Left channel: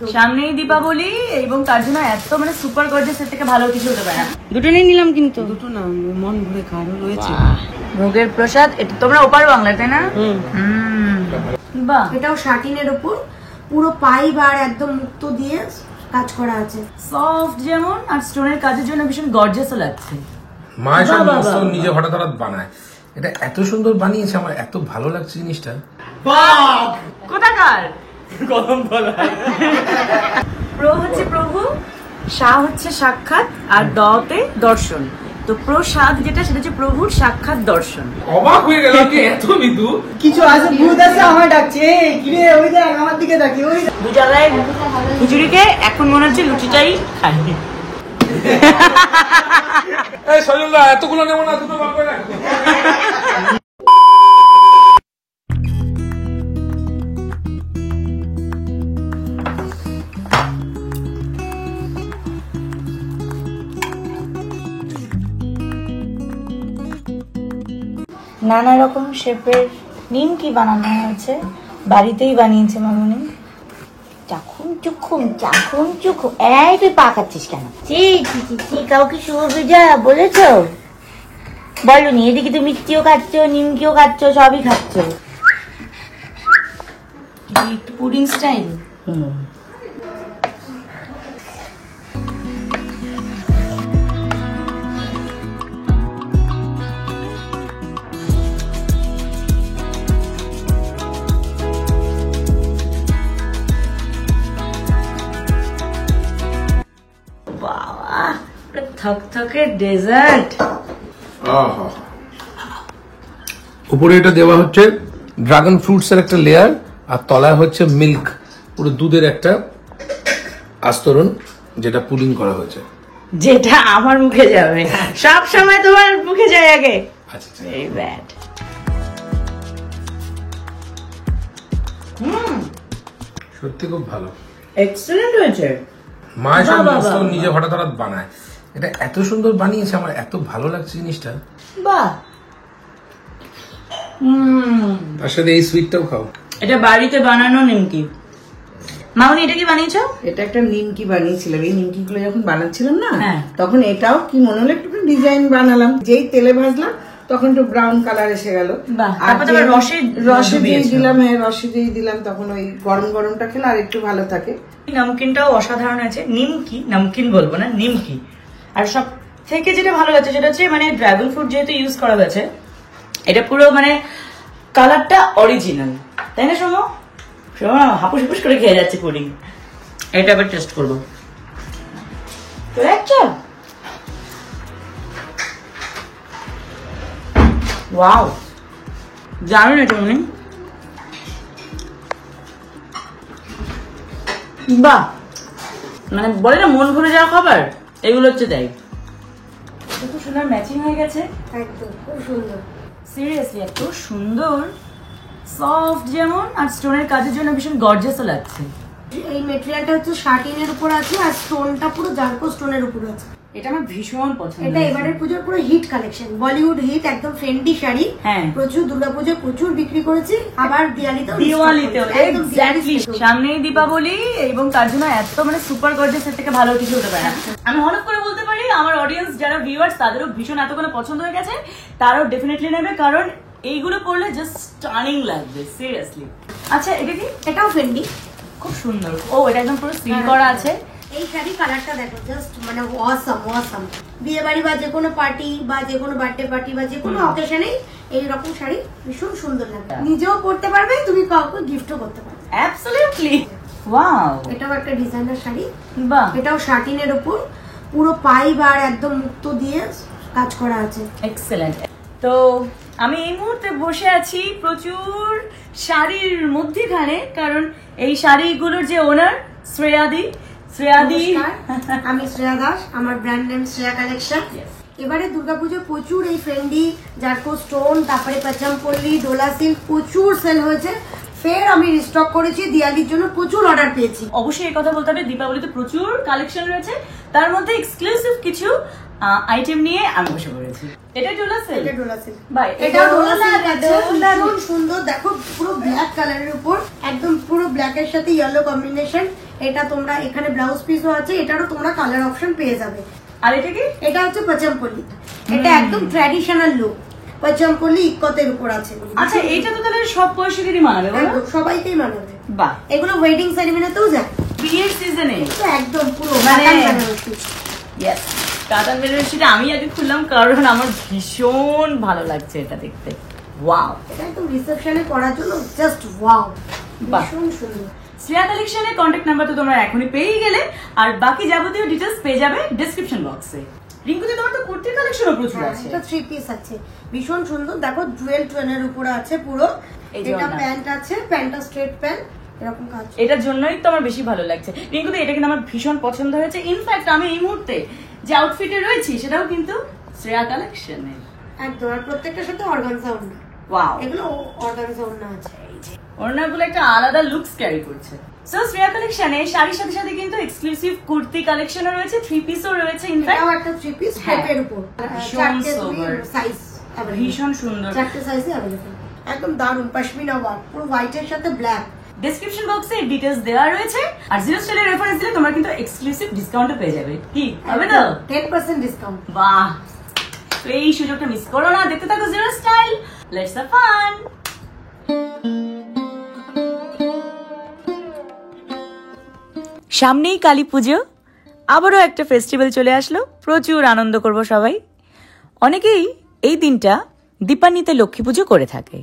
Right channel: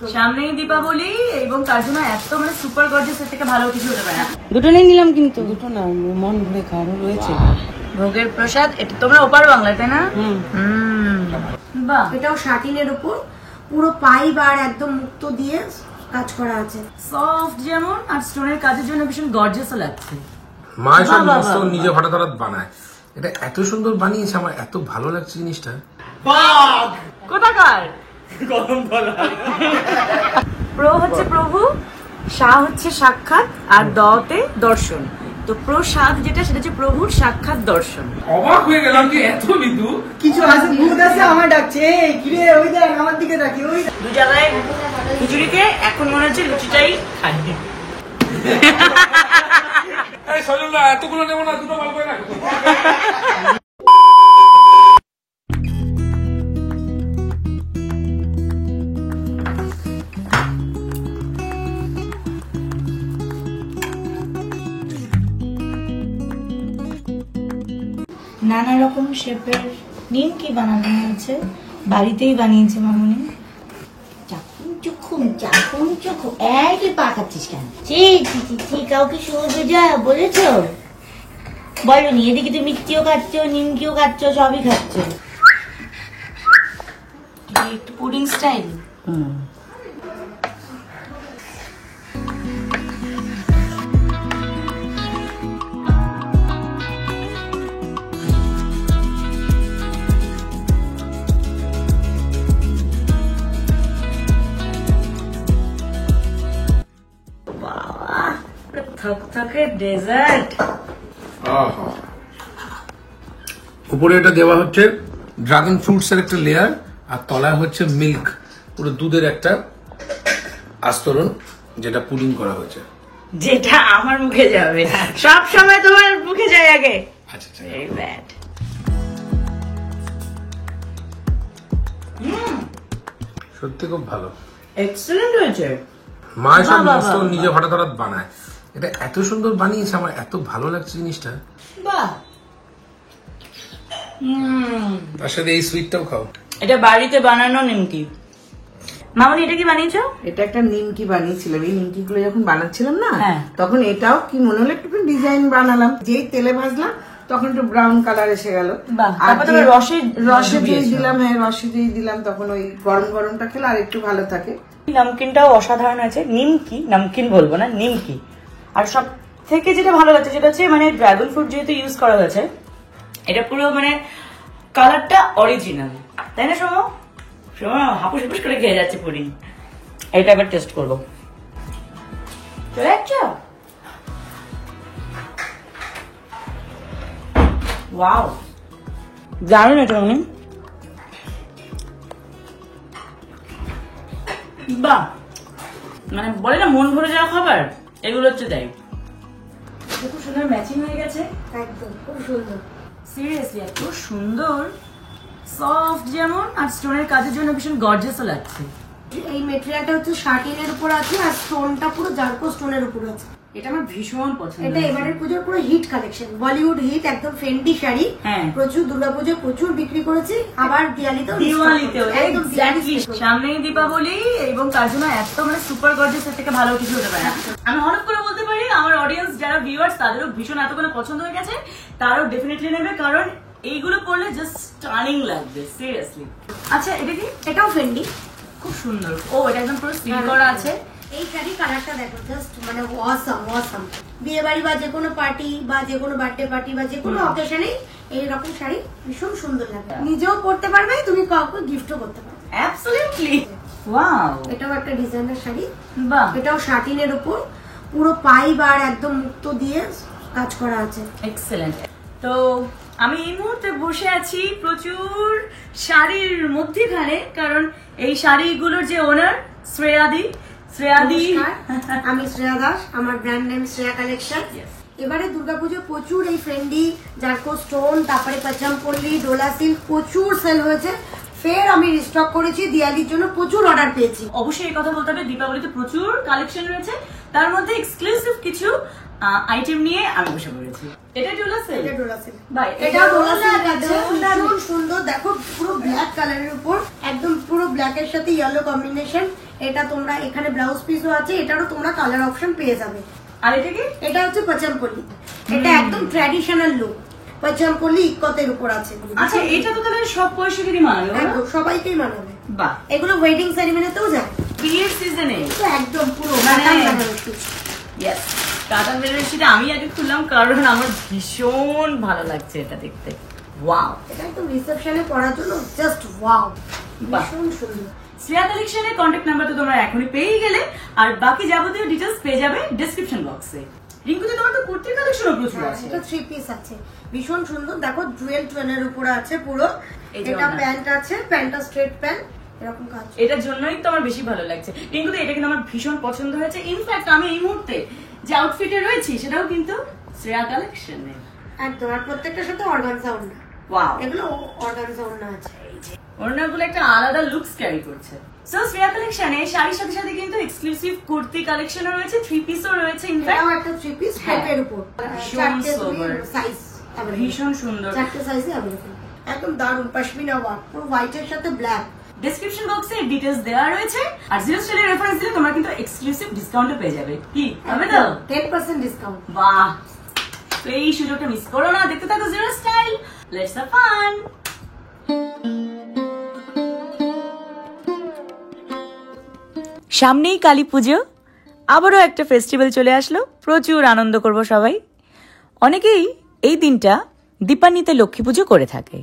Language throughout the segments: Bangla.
সামনেই দীপাবলি এবং তার জন্য এত মানে সুপার গর্জিয়াস এর থেকে ভালো কিছু হতে পারে না। দুটো নিয়ে নিলাম কিন্তু দুটো না, মন ভরে খাওয়ারও রয়েছে। ভোগের প্রসাদ, এটা তোমরা ওপার বাংলা তাই না? বাহ, এটাও শাটিনের উপর পুরো পাইপ আর একদম মুক্ত দিয়ে কাজ করা আছে, সফট যেমন আর স্টোনের কাজের জন্য ভীষণ গর্জিয়াসও লাগছে। মা সব মস্ত নিজে হঠাৎ হঠাৎ বানায়, এটা এত সুন্দর বানিয়েছে, আমার এত ভালো লাগছে জিনিসটা। কোথাকার গরম বলা প্রো হচ্ছে প্রভু, সা হচ্ছে সাক্ষাৎ, আর দতে দর্শন। তো প্রসাদ যেটা সেটা হচ্ছে প্রভুর সাক্ষাৎ দর্শন। অবাক হয়ে গেলাম কি এত মৃদু কিছু আছে, ভূত আছে আমার ডাকছে, কিরে ওই দেখ আমার দিকে তাকিয়ে, ওই দু জায়গায় খিচুড়িকে এখন মনে হচ্ছে লুচিটাই খাই। এতগুলো নেবো না, দুটো বার করে। নানা রকম শেপের নিমকি বানানো হয়েছে, বাড়িতেই বানিয়েছে মামনি। চাখুন চুখুন চাখুন চুখুন, এই তুই পা খাচ্ছিস কেন? কাউকে শুয়োবে যা বলেছ? বলনি, এদিকে তুমি মিষ্টিও খাচ্ছ, নিমকিও খাচ্ছ, সবই খাচ্ছ। একটু পুডিং স্টাইল। থকথকে ডেজার্ট। উপরে এটা দেওয়া হচ্ছে ড্রাগন ফ্রুটস এর একটা লেয়ার, আর তলায় হচ্ছে মিল্ক, পুরো দুধের একটা আস্তরণ, যেটা পুডিং করা হয়েছে, যেটা আমার মুখে যাবে সব সময়, তোমার মুখে যায় আগে। আচ্ছা এই ব্যাড। সত্যি খুব ভালো, এক্সেলেন্ট হয়েছে। মা সব মস্ত নিজে হঠাৎ হঠাৎ বানায়, এটা এত সুন্দর বানিয়েছে, আমার এত ভালো লাগছে জিনিসটা। বাহ। তার সাথে এই সুইটটাও খাও। এটা বাড়িতে বানানো নিমকি। মামনি, এটা কি বানিয়েছো? এটা একটা নিমকি বানিয়েছিলাম, এই নিমকি গুলো যখন বানাচ্ছিলাম না, হ্যাঁ। তখন এটাও কি মনে হলো একটু ডিজাইন বানালাম, যেই তেলে ভাজলাম তখন একটু ব্রাউন কালার এসে গেল। আর রসে যেই দিলাম, হ্যাঁ রসে যেই দিলাম, তখন ওই গরম গরমটা খেলে আর একটু ভালো থাকে। নামকিনটাও অসাধারণ হয়েছে। নিমকি, নামকিন বলবো না, নিমকি। আর সব থেকে যেটা ভালো লাগছে সেটা হচ্ছে মানে ড্রাগন ফ্রুট যেহেতু ইউজ করা হয়েছে, এটা পুরো মানে কালারটা অরিজিনাল, তাই না? শোনো হাপুস হাপুস করে খেয়ে যাচ্ছে পুডিং। এটা আবার টেস্ট করবো। চলে যাচ্ছ? ওয়াও, জানো না তুমি? বাহ, মানে বলে না মন ভরে যাওয়া খাবার, এগুলো হচ্ছে তাই। খুব সুন্দর ম্যাচিং হয়ে গেছে, একদম খুব সুন্দর। সিরিয়াসলি এত সুন্দর, সফট যেমন আর স্টোনের কাজের জন্য ভীষণ গর্জিয়াসও লাগছে। এই মেটেরিয়ালটা হচ্ছে শাটিনের উপর আছে, আর স্টোনটা পুরো জারকো স্টোনের উপর আছে। এটা আমার ভীষণ পছন্দ। এটা এবারের পুজোর পুরো হিট কালেকশন, বলিউড হিট, একদম ফেন্ডি শাড়ি। হ্যাঁ, প্রচুর দুর্গাপুজো প্রচুর বিক্রি করেছি, আবার দিওয়ালিতেও। এক্স্যাক্টলি, সামনেই দীপাবলি এবং তার জন্য এত মানে সুপার গর্জিয়াস এর থেকে ভালো কিছু হতে পারে না। আমি হঠাৎ করে বলতে পারি আমার অডিয়েন্স যারা ভিউয়ার্স তাদেরও ভীষণ এতগুলো পছন্দ হয়ে গেছে, তারাও ডেফিনেটলি নেবে, কারণ এইগুলো পরলে জাস্ট স্টানিং লাগবে সিরিয়াসলি। আচ্ছা, এটা কি? এটাও ফেন্ডি, খুব সুন্দর। ও, এটা একদম পুরো সিল করা আছে। এই শাড়ি কালারটা দেখো, জাস্ট মানে অসাম। বিয়ে বাড়ি বা যে কোনো পার্টি বা যে কোনো বার্থডে পার্টি বা যে কোনো অকেশনেই এইরকম শাড়ি ভীষণ সুন্দর লাগে। নিজেও পরতে পারবে, তুমি কাউকে গিফটও করতে পারবে। Absolutely wow. এটাও একটা ডিজাইনার শাড়ি। বাহ, এটাও শাটিনের উপর পুরো পাইপ আর একদম মুক্ত দিয়ে কাজ করা আছে। এক্সেলেন্ট। তো আমি এই মুহূর্তে বসে আছি প্রচুর শাড়ির মধ্যখানে, কারণ এই শাড়িগুলোর যে ওনার শ্রেয়াদি। আমি শ্রেয়া দাস, আমার ব্র্যান্ড নেম শ্রেয়া কালেকশন। এবারে দুর্গাপুজো প্রচুর এই ফ্রেন্ডি জারকো স্টোন, তারপরে পাচামপল্লি, ডোলা সিল্ক প্রচুর সেল হয়েছে। ফের আমি রিস্টক করেছি, দিওয়ালির জন্য প্রচুর অর্ডার পেয়েছি। অবশ্যই এই কথা বলতে হবে, দীপাবলিতে প্রচুর কালেকশন রয়েছে, তার মধ্যে এক্সক্লুসিভ কিছু আইটেম নিয়ে আমি বসে পড়েছি। এটা ডোলা সিল্ক। এটা ডোলা সিল্ক। ভাই, এটা ডোলা সিল্ক আছে, ভীষণ সুন্দর। দেখো পুরো ব্ল্যাক কালারের উপর, একদম পুরো ব্ল্যাক এর সাথে ইয়েলো কম্বিনেশন। এটা তোমরা এখানে ব্লাউজ পিসও আছে, এটারও তোমরা কালার অপশন পেয়ে যাবে। আর এটা কি? এটা হচ্ছে পচমপল্লি, এটা একদম ট্র্যাডিশনাল লুক, পচমপল্লি ইক্কতের উপর আছে। আচ্ছা এটা তো তাহলে সব পয়সারই মানাবে, একদম সবাইকেই মানাবে। বাহ, এগুলো ওয়েডিং সেরিমনিতেও যায়, বিয়ের সিজনে একদম পুরো মানে কাতান বেনারসি। ইয়েস, কাতান বেনারসিটা আমি আগে খুললাম কারণ আমার ভীষণ ভালো লাগছে এটা দেখতে। ওয়াও, এটা একদম রিসেপশনে পরার জন্য জাস্ট ওয়াও, বাহ। ভীষণ সুন্দর। শ্রেয়া কালেকশনের কন্ট্যাক্ট নাম্বার তো তোমরা এখনই পেয়ে গেলে, আর বাকি যাবতীয় ডিটেলস পেয়ে যাবে ডেসক্রিপশন বক্সে। রিঙ্কুদি, তোমার তো কুর্তির কালেকশনও প্রচুর আছে। এটা 3 পিস আছে, ভীষণ সুন্দর। দেখো জুয়েল টোনের উপরে আছে পুরো। এই যে এটা ওড়না। প্যান্ট আছে, প্যান্টটা স্ট্রেট প্যান্ট, এরকম কাজ। এটার জন্যই তো আমার বেশি ভালো লাগছে। রিঙ্কুদি, এটা কিন্তু আমার ভীষণ পছন্দ হয়েছে। ইনফ্যাক্ট আমি এই মুহূর্তে যে আউটফিটে রয়েছি সেটাও কিন্তু শ্রেয়া কালেকশনের। একদম, আর প্রত্যেকটার সাথে অর্গানজা ওড়না। ওয়াও, এগুলো অর্গানজা ওড়না আছে। ওড়নাগুলো একটা আলাদা লুকস ক্যারি করছে। সো শ্রেয়া কালেকশনে শাড়ির সাথে সাথে কিন্তু এক্সক্লুসিভ কুর্তি কালেকশনও রয়েছে, 3 পিসও রয়েছে। ইনফ্যাক্ট এটাও একটা 3 পিস পেপের উপর, ভীষণ চারটে sober। সাইজ, ভীষণ সুন্দর। চারটে সাইজে अवेलेबल, একদম দারুন পশমিনা ওয়ার্ক, পুরো হোয়াইটের সাথে ব্ল্যাক। ডেসক্রিপশন বক্সে ডিটেলস দেওয়া রয়েছে, আর জিরো স্টাইলের রেফারেন্স দিলে তোমরা কিন্তু এক্সক্লুসিভ ডিসকাউন্টও পেয়ে যাবে। কি হবে তো? 10% ডিসকাউন্ট। বাহ, তো এই সুযোগটা মিস করো না, দেখতে থাকো zero style, let's have fun. সামনেই কালী পুজো, আবারও একটা ফেস্টিভ্যাল চলে আসলো, প্রচুর আনন্দ করব সবাই। অনেকেই এই দিনটা দীপান্বিতে লক্ষ্মী পুজো করে থাকে,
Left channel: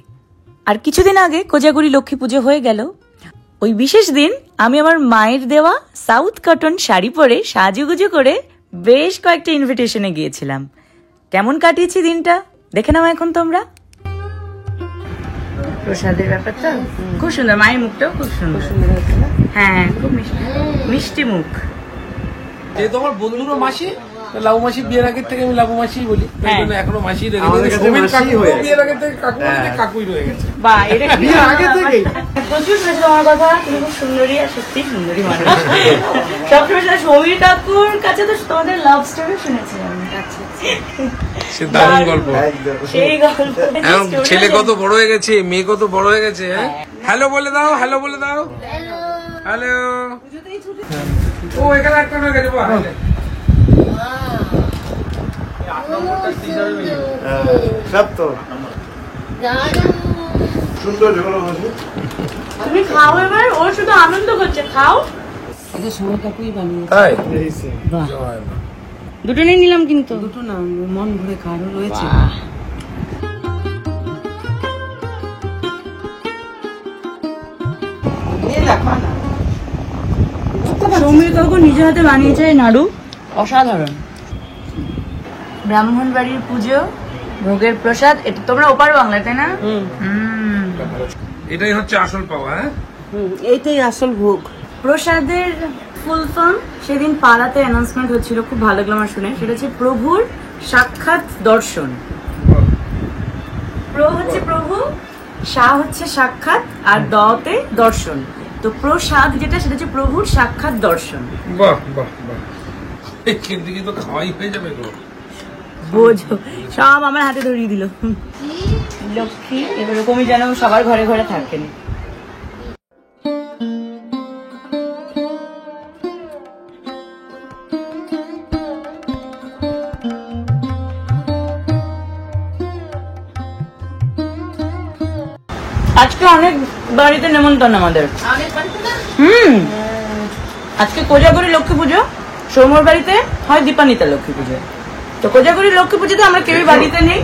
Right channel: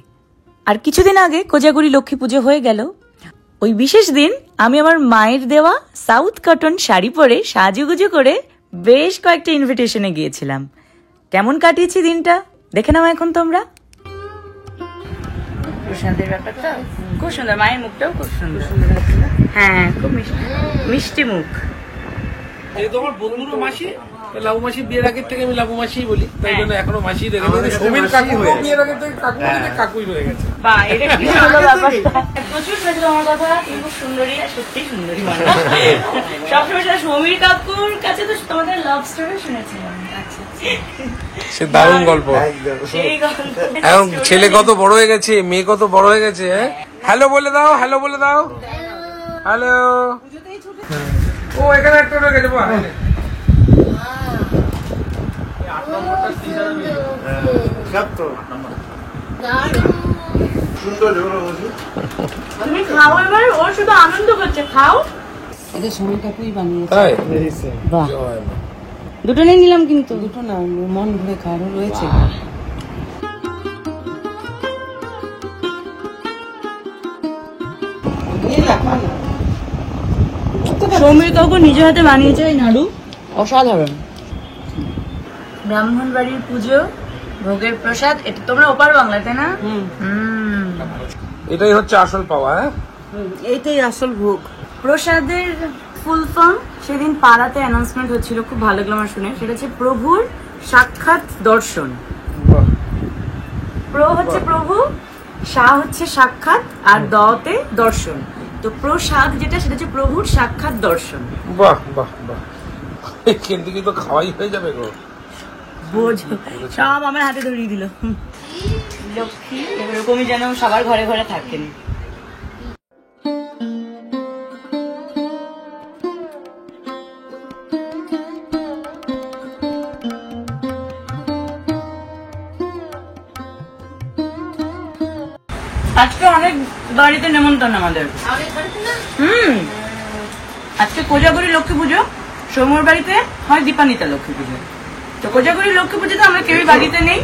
আর কিছুদিন আগে কোজাগুড়ি লক্ষ্মী পুজো হয়ে গেল। ওই বিশেষ দিন আমি আমার মায়ের দেওয়া সাউথ কটন শাড়ি পরে সাজুগুজু করে বেশ কয়েকটা ইনভিটেশনে গিয়েছিলাম। কেমন কাটিয়েছি দিনটা দেখে নাও এখন তোমরা। প্রসাদের ব্যাপারটা খুব সুন্দর, মায়ের মুখটাও খুব সুন্দর। হ্যাঁ, খুব মিষ্টি মুখ। যে তোমার বন্ধুরও মাসি, লাবু মাসি বিয়ের আগের থেকে আমি লাবু মাসি বলি, তাই জন্য এখনো মাসি রেখে সমীর কাকু বিয়ের আগের থেকে কাকু বলতে কাকুই রয়ে গেছে। বাহ, এটা কি ভালো ব্যাপার। প্রচুর শুনেছি তোমার কথা, তুমি খুব সুন্দরী, আর সত্যি সুন্দরী মানুষ। সবসময় সমীর কাকুর কাছে তো তোমাদের লাভ স্টোরি শুনেছি আমি। সে দারুণ গল্প। সেই গল্প এখন ছেলে কত বড় হয়ে গেছে, মেয়ে কত বড় হয়ে গেছে। হ্যালো বলে দাও, হ্যালো বলে দাও, হ্যালো। ও এখানে একটা রয়ে গেছে। সব তো সুন্দর ঝোলো বসে। তুমি খাও এবার, ও শুধু আনন্দ করছে, খাও। এটা সুমির কাকুই বানিয়েছে। তাই বাহ, জয় মা। দুটো নিয়ে নিলাম কিন্তু। দুটো না, মন ভরে কারো রয়েছে। সমীর কাকু নিজের হাতে বানিয়েছে এই নাড়ু, অসাধারণ। ব্রাহ্মণ বাড়ির পুজো, ভোগের প্রসাদ, এটা তোমরা ওপার বাংলা, তাই না? এটাই হচ্ছে আসল পাওয়া। এইটাই আসল ভোগ। প্রসাদের ফুল ফর্ম সেদিন পাড়াতে অ্যানাউন্সমেন্ট হচ্ছিল, খুব ভালো লাগলো আমার শুনে। সেটা হচ্ছে প্রভুর সাক্ষাৎ দর্শন। প্র হচ্ছে প্রভু, সা হচ্ছে সাক্ষাৎ, আর দতে দর্শন। তো প্রসাদ যেটা, সেটা হচ্ছে প্রভুর সাক্ষাৎ দর্শন। বাহ বাহ বাহ, এখান থেকে তো খাওয়াই হয়ে যাবে গো। বোঝো, সব আমার হাতে ধরিয়ে দিল। লক্ষ্মী এরকমই যেন সবার ঘরে ঘরে থাকেন। আজকে অনেক বাড়িতে নেমন্তন্ন আমাদের। আজকে কোজাগরি লক্ষ্মী পুজো, সৌম্যর বাড়িতে হয় দীপান্বিতা লক্ষ্মী পুজো। তো কোজাগরি লক্ষ্মী পুজোতে আমরা কেউই বাড়িতে নেই,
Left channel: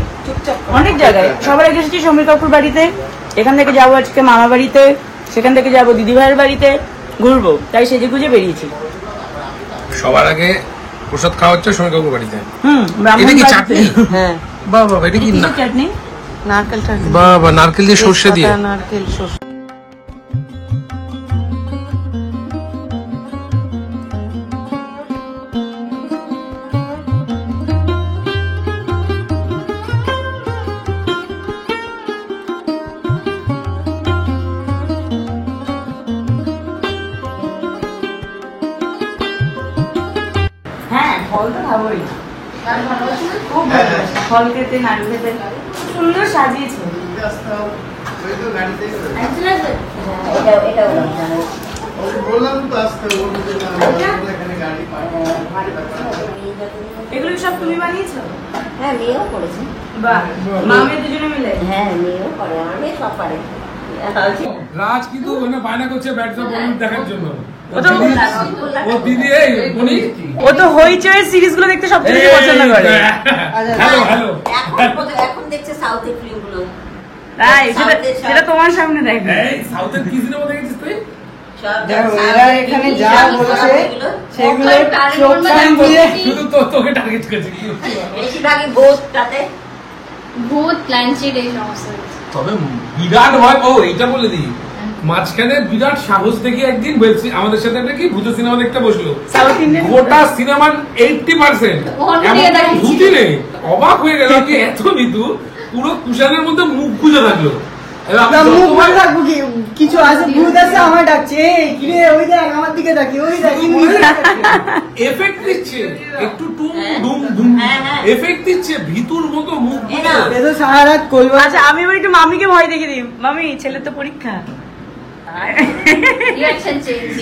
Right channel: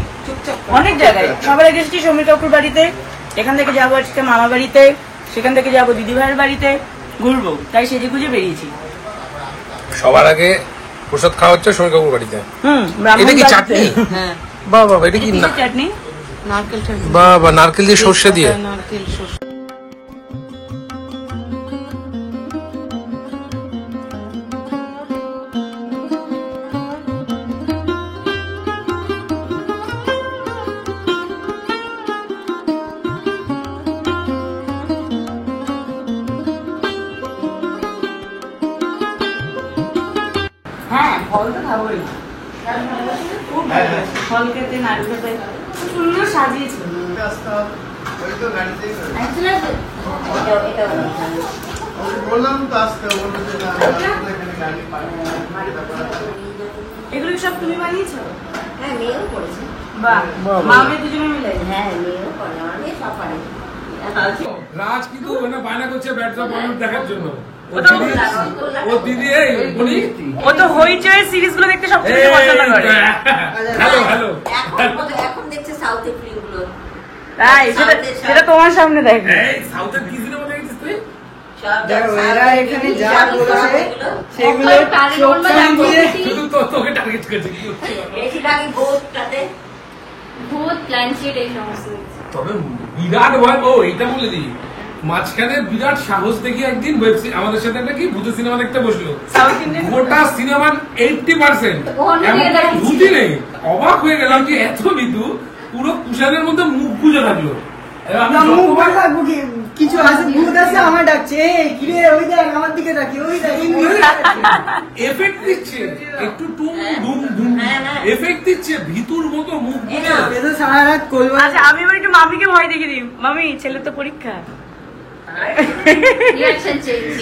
অনেক জায়গায়। সবার আগে এসেছি সমীর কাকুর বাড়িতে, এখান থেকে যাবো আজকে মামা বাড়িতে, সেখান থেকে যাবো দিদি ভাইয়ের বাড়িতে, ঘুরবো, তাই সেজে গুজে বেরিয়েছি। সবার আগে প্রসাদ খাওয়া হচ্ছে সমীর কাকুর বাড়িতে। ব্রাহ্মণ এটা কি বাড়িতে। চাটনি? হ্যাঁ, বাহ বাহ, এটা কি না চাটনি? নারকেল চাটনি। বাহ বাহ, নারকেল দিয়ে সর্ষে দিয়ে। নারকেল সর্ষে। হ্যাঁ, ফল তো খাবোই। খুব ভালো ফল খেতে, নাড়ু খেতে, খুব সুন্দর সাজিয়েছে। বললাম তো আসতে বললো যে এগুলো কি সব তুমি বানিয়েছো? হ্যাঁ, মেয়েও করেছে। বাহ, মা মেয়ে দুজনে মিলে? হ্যাঁ, মেয়েও করে, আমার মেয়ে সব পারে। রাজ কিন্তু ওখানে বায়না করছে ব্যাটস অফ বলিউড দেখার জন্য। ও দিদি এই উনি ও তো হইচই সিরিজ গুলো দেখতে সবচেয়ে বেশি পছন্দ করে। হ্যালো এখন দেখছে সাউথের ফিল্মগুলো। তাই সেটা তোমার সামনে দেখো। এই সাউথের কি সিনেমা দেখেছিস তুই? দেখো এরা এখানে যা বলছে সেগুলো চোখ কান দিয়ে শুধু তোকে টার্গেট করেছে। বেশিরভাগই ভূতটাতে ভূত প্ল্যানচিট এই সমস্ত তবে বিরাট ভয় পাও, এইটা বলে দিই। মাঝখানে বিরাট সাহস দেখি একদিন আমাদের সাথে একটা কি ভূতের সিনেমা দেখতে বসলো, গোটা সিনেমার 80% ভূতই নেই। অবাক হয়ে গেলাম যে এত মৃদু, পুরো কুশানের মধ্যে মুখ গুজে থাকলো। মুখ ভাগ থাকবো কি, কিছু আছে ভূত আছে আমার ডাকছে, কিরে ওই দেখ আমার দিকে ডাকি, ওই দেখ এফেক্ট দিচ্ছে, একটু টুম ডুম ডুম এফেক্ট দিচ্ছে, ভিতুর মতো মুখ গুজে। সারা রাত করবো। আচ্ছা আমি এবার একটু মামিকে ভয় দেখে দিই। মামি, ছেলের তো পরীক্ষা। রিঅ্যাকশন চেঞ্জ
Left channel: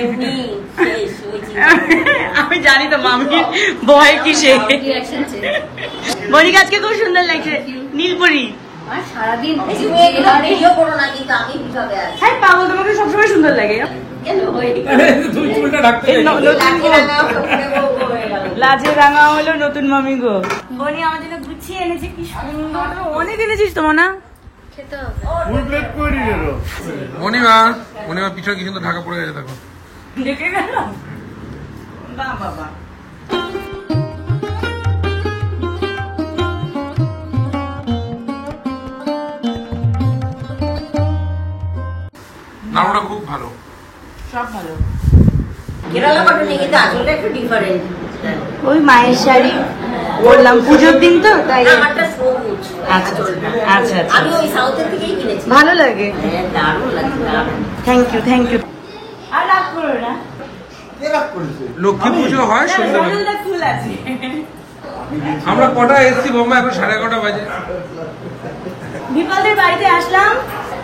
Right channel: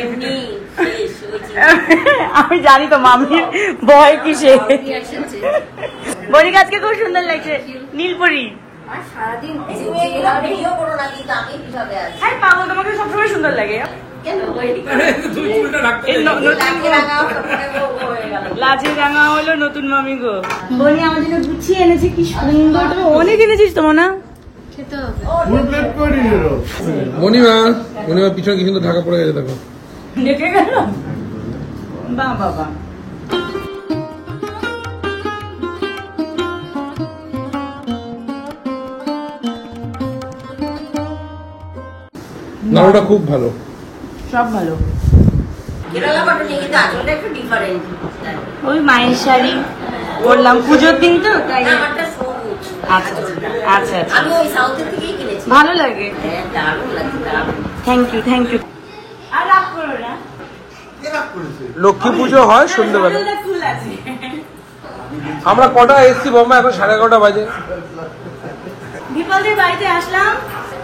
এমনি শেষ হয়েছে। আমি জানি তো মামির ভয় কিসে। রিঅ্যাকশন চেঞ্জ বনিকা আজকে খুব সুন্দর লাগছে, নীলপরি। আর সারাদিন ভিডিও করো না, কিন্তু আমি হিসাবে আছি। হ্যাঁ পাবো, তোমাকে সবসময় সুন্দর লাগে। কেন হয়ে তুই চুলটা ঢাকতে এই নতুন লাগে না, করে বউ হয়ে গেল। লাজে রাঙা হলো নতুন মামি গো। বনি আমার জন্য গুছিয়ে এনেছে, কি সুন্দর। অনেক এনেছিস তো না? খেতে হবে। বুকলেট করে দিল। মনিমা পিছনে কি সুন্দর ঢাকা পড়ে গেছে দেখো। দেখে গেল। বাহ বাবা। নাড়ুটা খুব ভালো। সব ভালো। কেরালা বাটনে কিন্তু আসলটা একটু ডিফারেন্ট। ওই মায়ের শাড়ি পরলাম পুজোর দিন তো, তাই। আমারটা সবুজ। আচ্ছা আচ্ছা আচ্ছা, আমি ওই সাউথের থেকেই কিনেছি। ভালো লাগে। হ্যাঁ, দারুণ লাগে, দারুণ। Thank you thank you. আর রাগ করো না, কে রাগ করেছে? লক্ষ্মী পুজো হয় সন্ধ্যেবেলা। হলুদ ফুল আছে। আমরা কটা এসছি বোম্বে, এখন 11:30 বাজে। ভিপালদের বাড়িতে আসলাম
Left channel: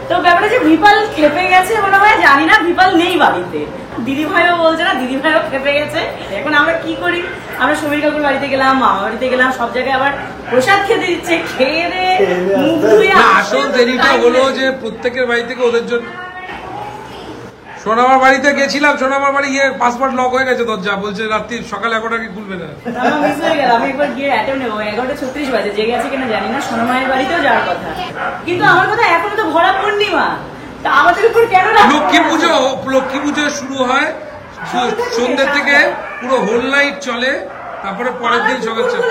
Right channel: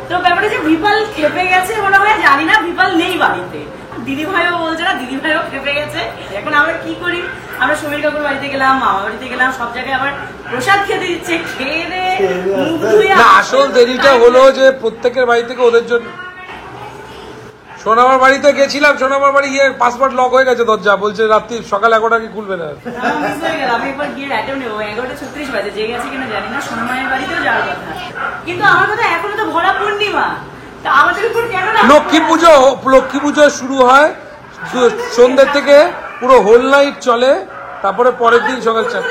তো ব্যাপারটা যে ভিপাল খেপে গেছে মনে হয়, জানি না ভিপাল নেই বাড়িতে। দিদি ভাইও বলছে না, দিদি ভাইও খেপে গেছে। এখন আমরা কি করি, আমরা সমীর কাকুর বাড়িতে গেলাম, মামা বাড়িতে গেলাম, সব জায়গায় আবার প্রসাদ খেতে দিচ্ছে, খেয়ে দে মুখ ধুয়ে আসল দেরিটা হলো যে প্রত্যেকের বাড়ি থেকে ওদের জন্য। সোনামার বাড়িতে গেছিলাম, সোনামার বাড়ি গিয়ে পাসপোর্ট লক হয়ে গেছে দরজা, বলছে রাত্রি সকাল 11টা কি খুলবে না। মিস হয়ে গেল। আমি একবার গিয়ে অ্যাটেন্ড নেবো, 11:36 বাজে, জেগে আছে কিনা জানি না। সোনামায়ের বাড়িতেও যাওয়ার কথা, কিন্তু আমার কথা এখনো তো ভরা পূর্ণিমা, তা আমাদের উপর কেন লক্ষ্মী পুজো শুরু হয় সন্ধ্যে থেকে, পুরো হোল নাইট চলে, তারপরে পরের দিন সকাল 4টা।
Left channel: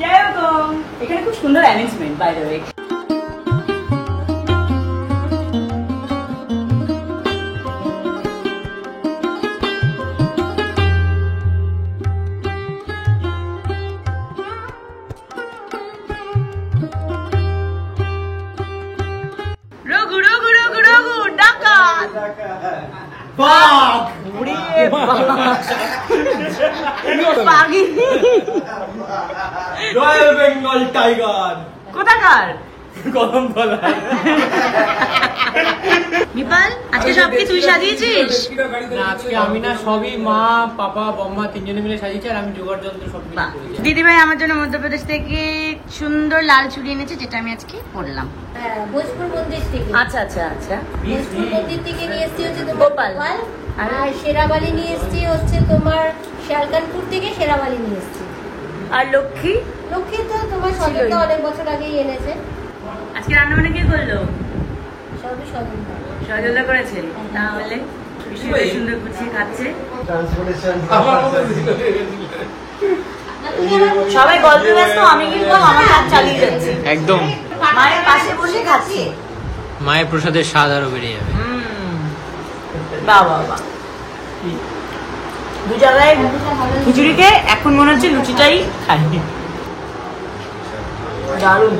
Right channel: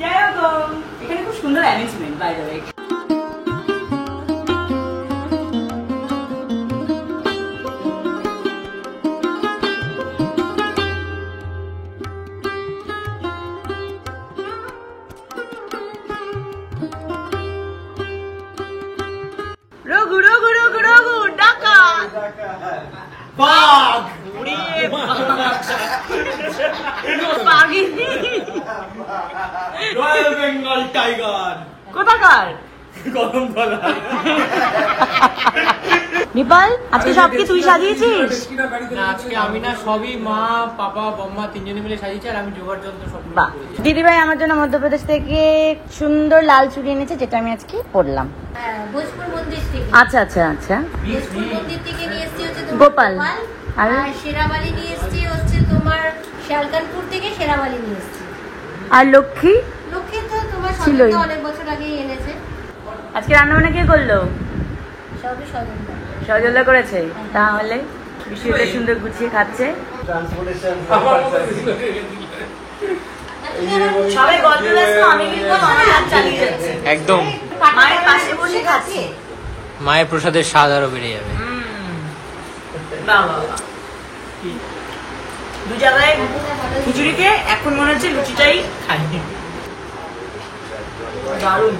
যাই হোক, এখানে খুব সুন্দর arrangement by the way. Raghu Raghu Raghu Raghu ডাকাত বাঘ! বাঘিনী রয়্যাল বেঙ্গল টাইগার! কোথাকার? গরম বলা। নিপাল, আজকে সব কি তুই সাজিয়েছিস? না, আজকে আমি না, সবই মা, পাপা, বম্মা তিনজনে মিলে সাজিয়েছে, আর আমি জোগাড় যন্ত্র সব বাহ, দিদিভাই আমার জন্য মধ্যপ্রদেশ থেকে সুন্দর লাল চুড়ি এনেছে, যেটা আমি আজকে পরলাম। ভোজপুর মন্দির থেকে। আচ্ছা আচ্ছা আচ্ছা। ভোজপুর মন্দির থেকে নিয়ে এসেছি হচ্ছে তোমার গোপাল। আর শেরাবালি নিয়ে এসেছি হচ্ছে তোমার শালকানপুর থেকে, শেরাবালি নিয়ে এসেছি। আর লক্ষ্মী? লক্ষ্মী তো তোমার ছিলই। সঙ্গে অনেক বছর আগেই এনেছে। আজকে রান্না বান্না কে করলো? সবই স্বজন। সজলা করেছে। তাহলে বিষয়টা সুন্দর গুছিয়ে খাচ্ছে। ট্রান্সপোর্টেশন। সবাই গল্প ব্যস্ত, আমি কিন্তু আমার কাজ চালিয়ে যাচ্ছি। একদম মায়ের পাশে বসে খাচ্ছি। মায়ের প্রসাদের স্বাদ আরো বেড়ে যাবে। বাহ বাহ বাহ। দু জায়গায় খিচুড়িকে এখন মনে হচ্ছে লুচিটাই খাই। দারুণ।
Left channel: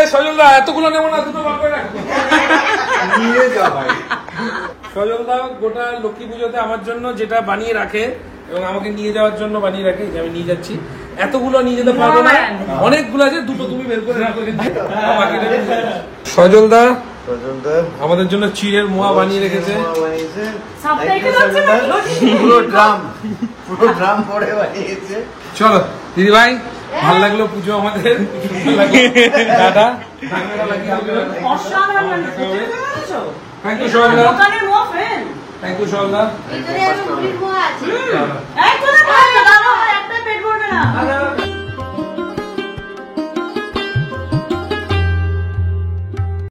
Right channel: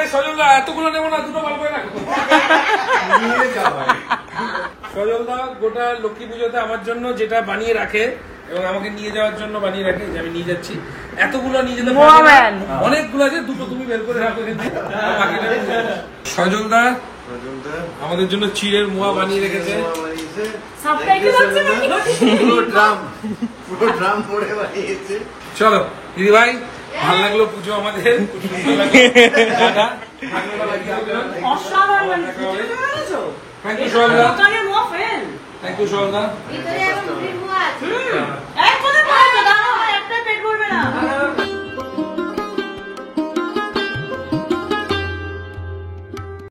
এই সজলদা এতগুলো নেবো না, দুটো বার করে রাখো। নিয়ে যা ভাই। সজলদা গোটা লক্ষ্মী পুজোতে আমার জন্য যেটা বানিয়ে রাখে এবং আমাকে নিয়ে যাওয়ার জন্য বানিয়ে রাখে, যে আমি নিয়ে যাচ্ছি, এতগুলো নিয়ে যেতে পারবো না, অনেকগুলো আছে, দুটো তুমি বের করে রাখো কিন্তু, আর বাকিটা আমি নিয়ে যাবো। সজলদা আমাদের জন্য চিড়ের মোয়া বানিয়ে রেখেছে। পুরো ড্রাম ভরে বানিয়েছে। চলো দিদি ভাই, ভালো লাগলো পুজো আমাদের। দাদা থ্যাংক ইউ সজলদা, থ্যাংক ইউ সজলদা। ভিতরে আরো মুড়ির মোয়া আছে। একটা পেট ভরবে না।